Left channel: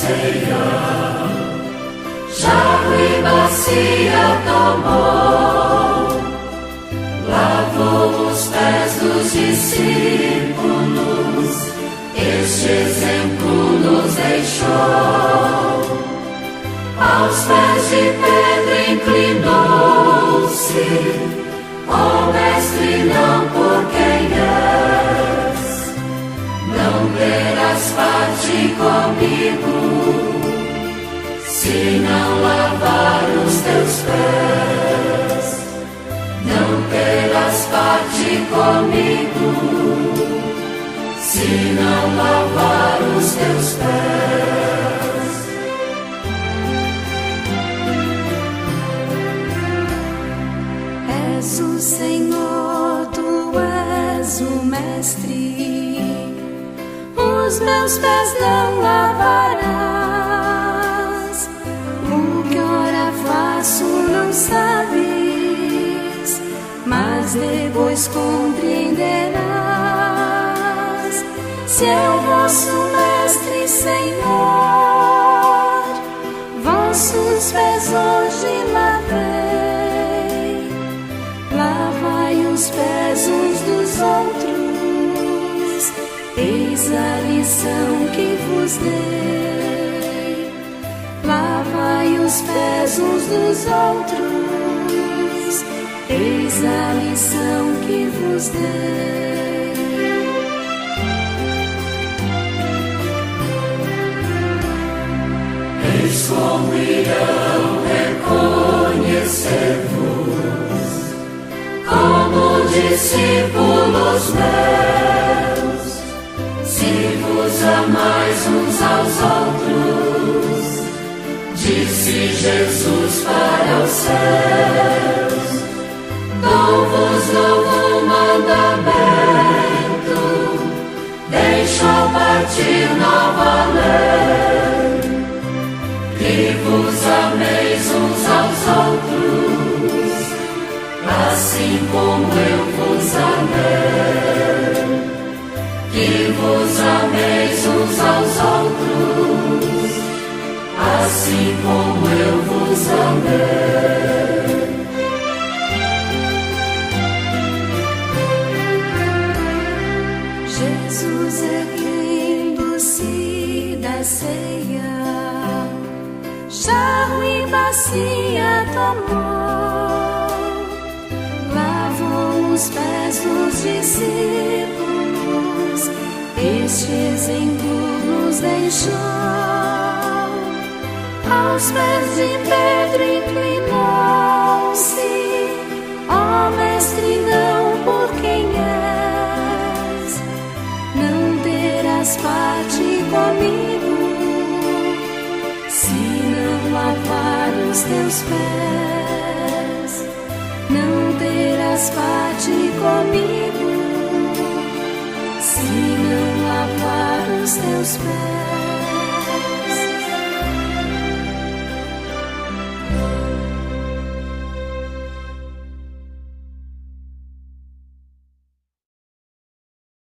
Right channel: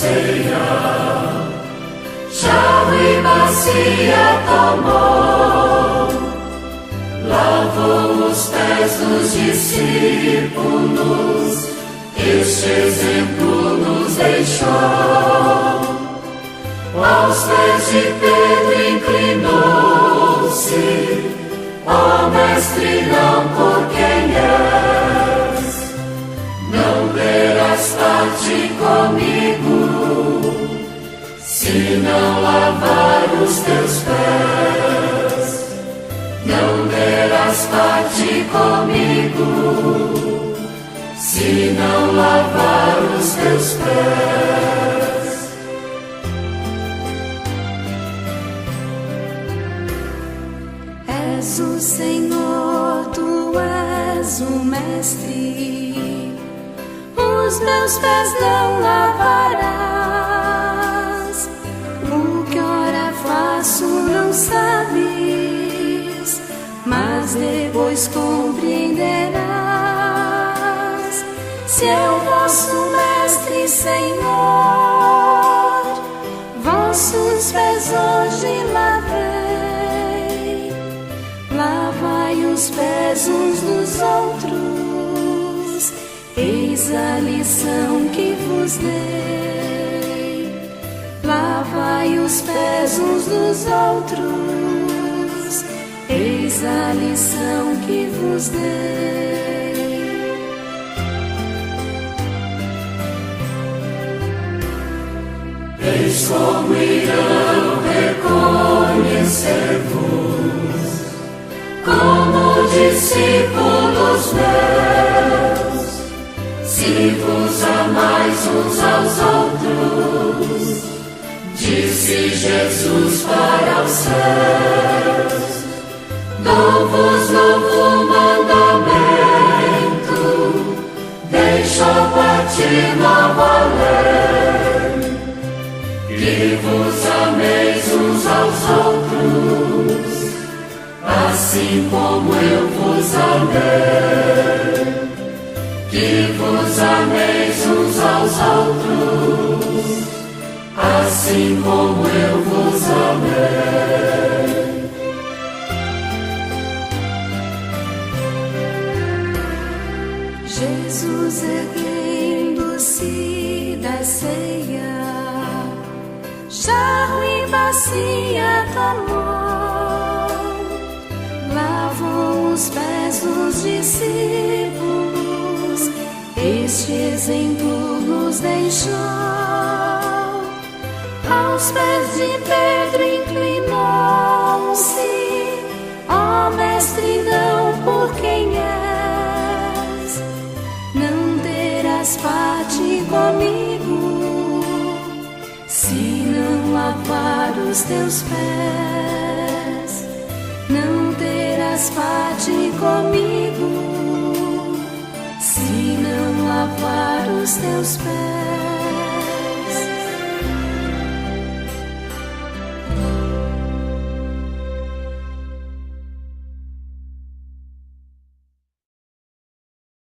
ceia, jarro e bacia tomou, lavou os pés dos discípulos, este exemplo nos deixou. Aos pés de Pedro inclinou-se, ó Mestre, não por quem és, não terás parte comigo, se não lavar os teus pés. Não terás parte comigo, se não lavar os teus pés. És o Senhor, tu és o Mestre, os meus pés não lavarás. O que ora faço não sabes, mas depois compreenderás. Se é o vosso Mestre, Senhor, vossos pés hoje lavei. Lavai os pés uns dos outros, eis a lição que vos dei. Lavai os pés uns dos outros, eis a lição que vos dei. Eis como irão reconhecer-vos como discípulos meus, se vos amais uns aos outros, disse Jesus para os céus. Dou-vos novo mandamento, deixo partir nova lei, que vos ameis uns aos outros, assim como eu vos amei, que vos ameis uns aos outros, assim como eu vos amei. Jesus, erguendo-se da ceia, jarro e bacia tomou, lavou os pés dos discípulos, este exemplo nos deixou. Aos pés de Pedro inclinou-se, ó Mestre, não por quem és, não terás parte comigo, se não lavar os teus pés. Não terás parte comigo, se não lavar os teus pés.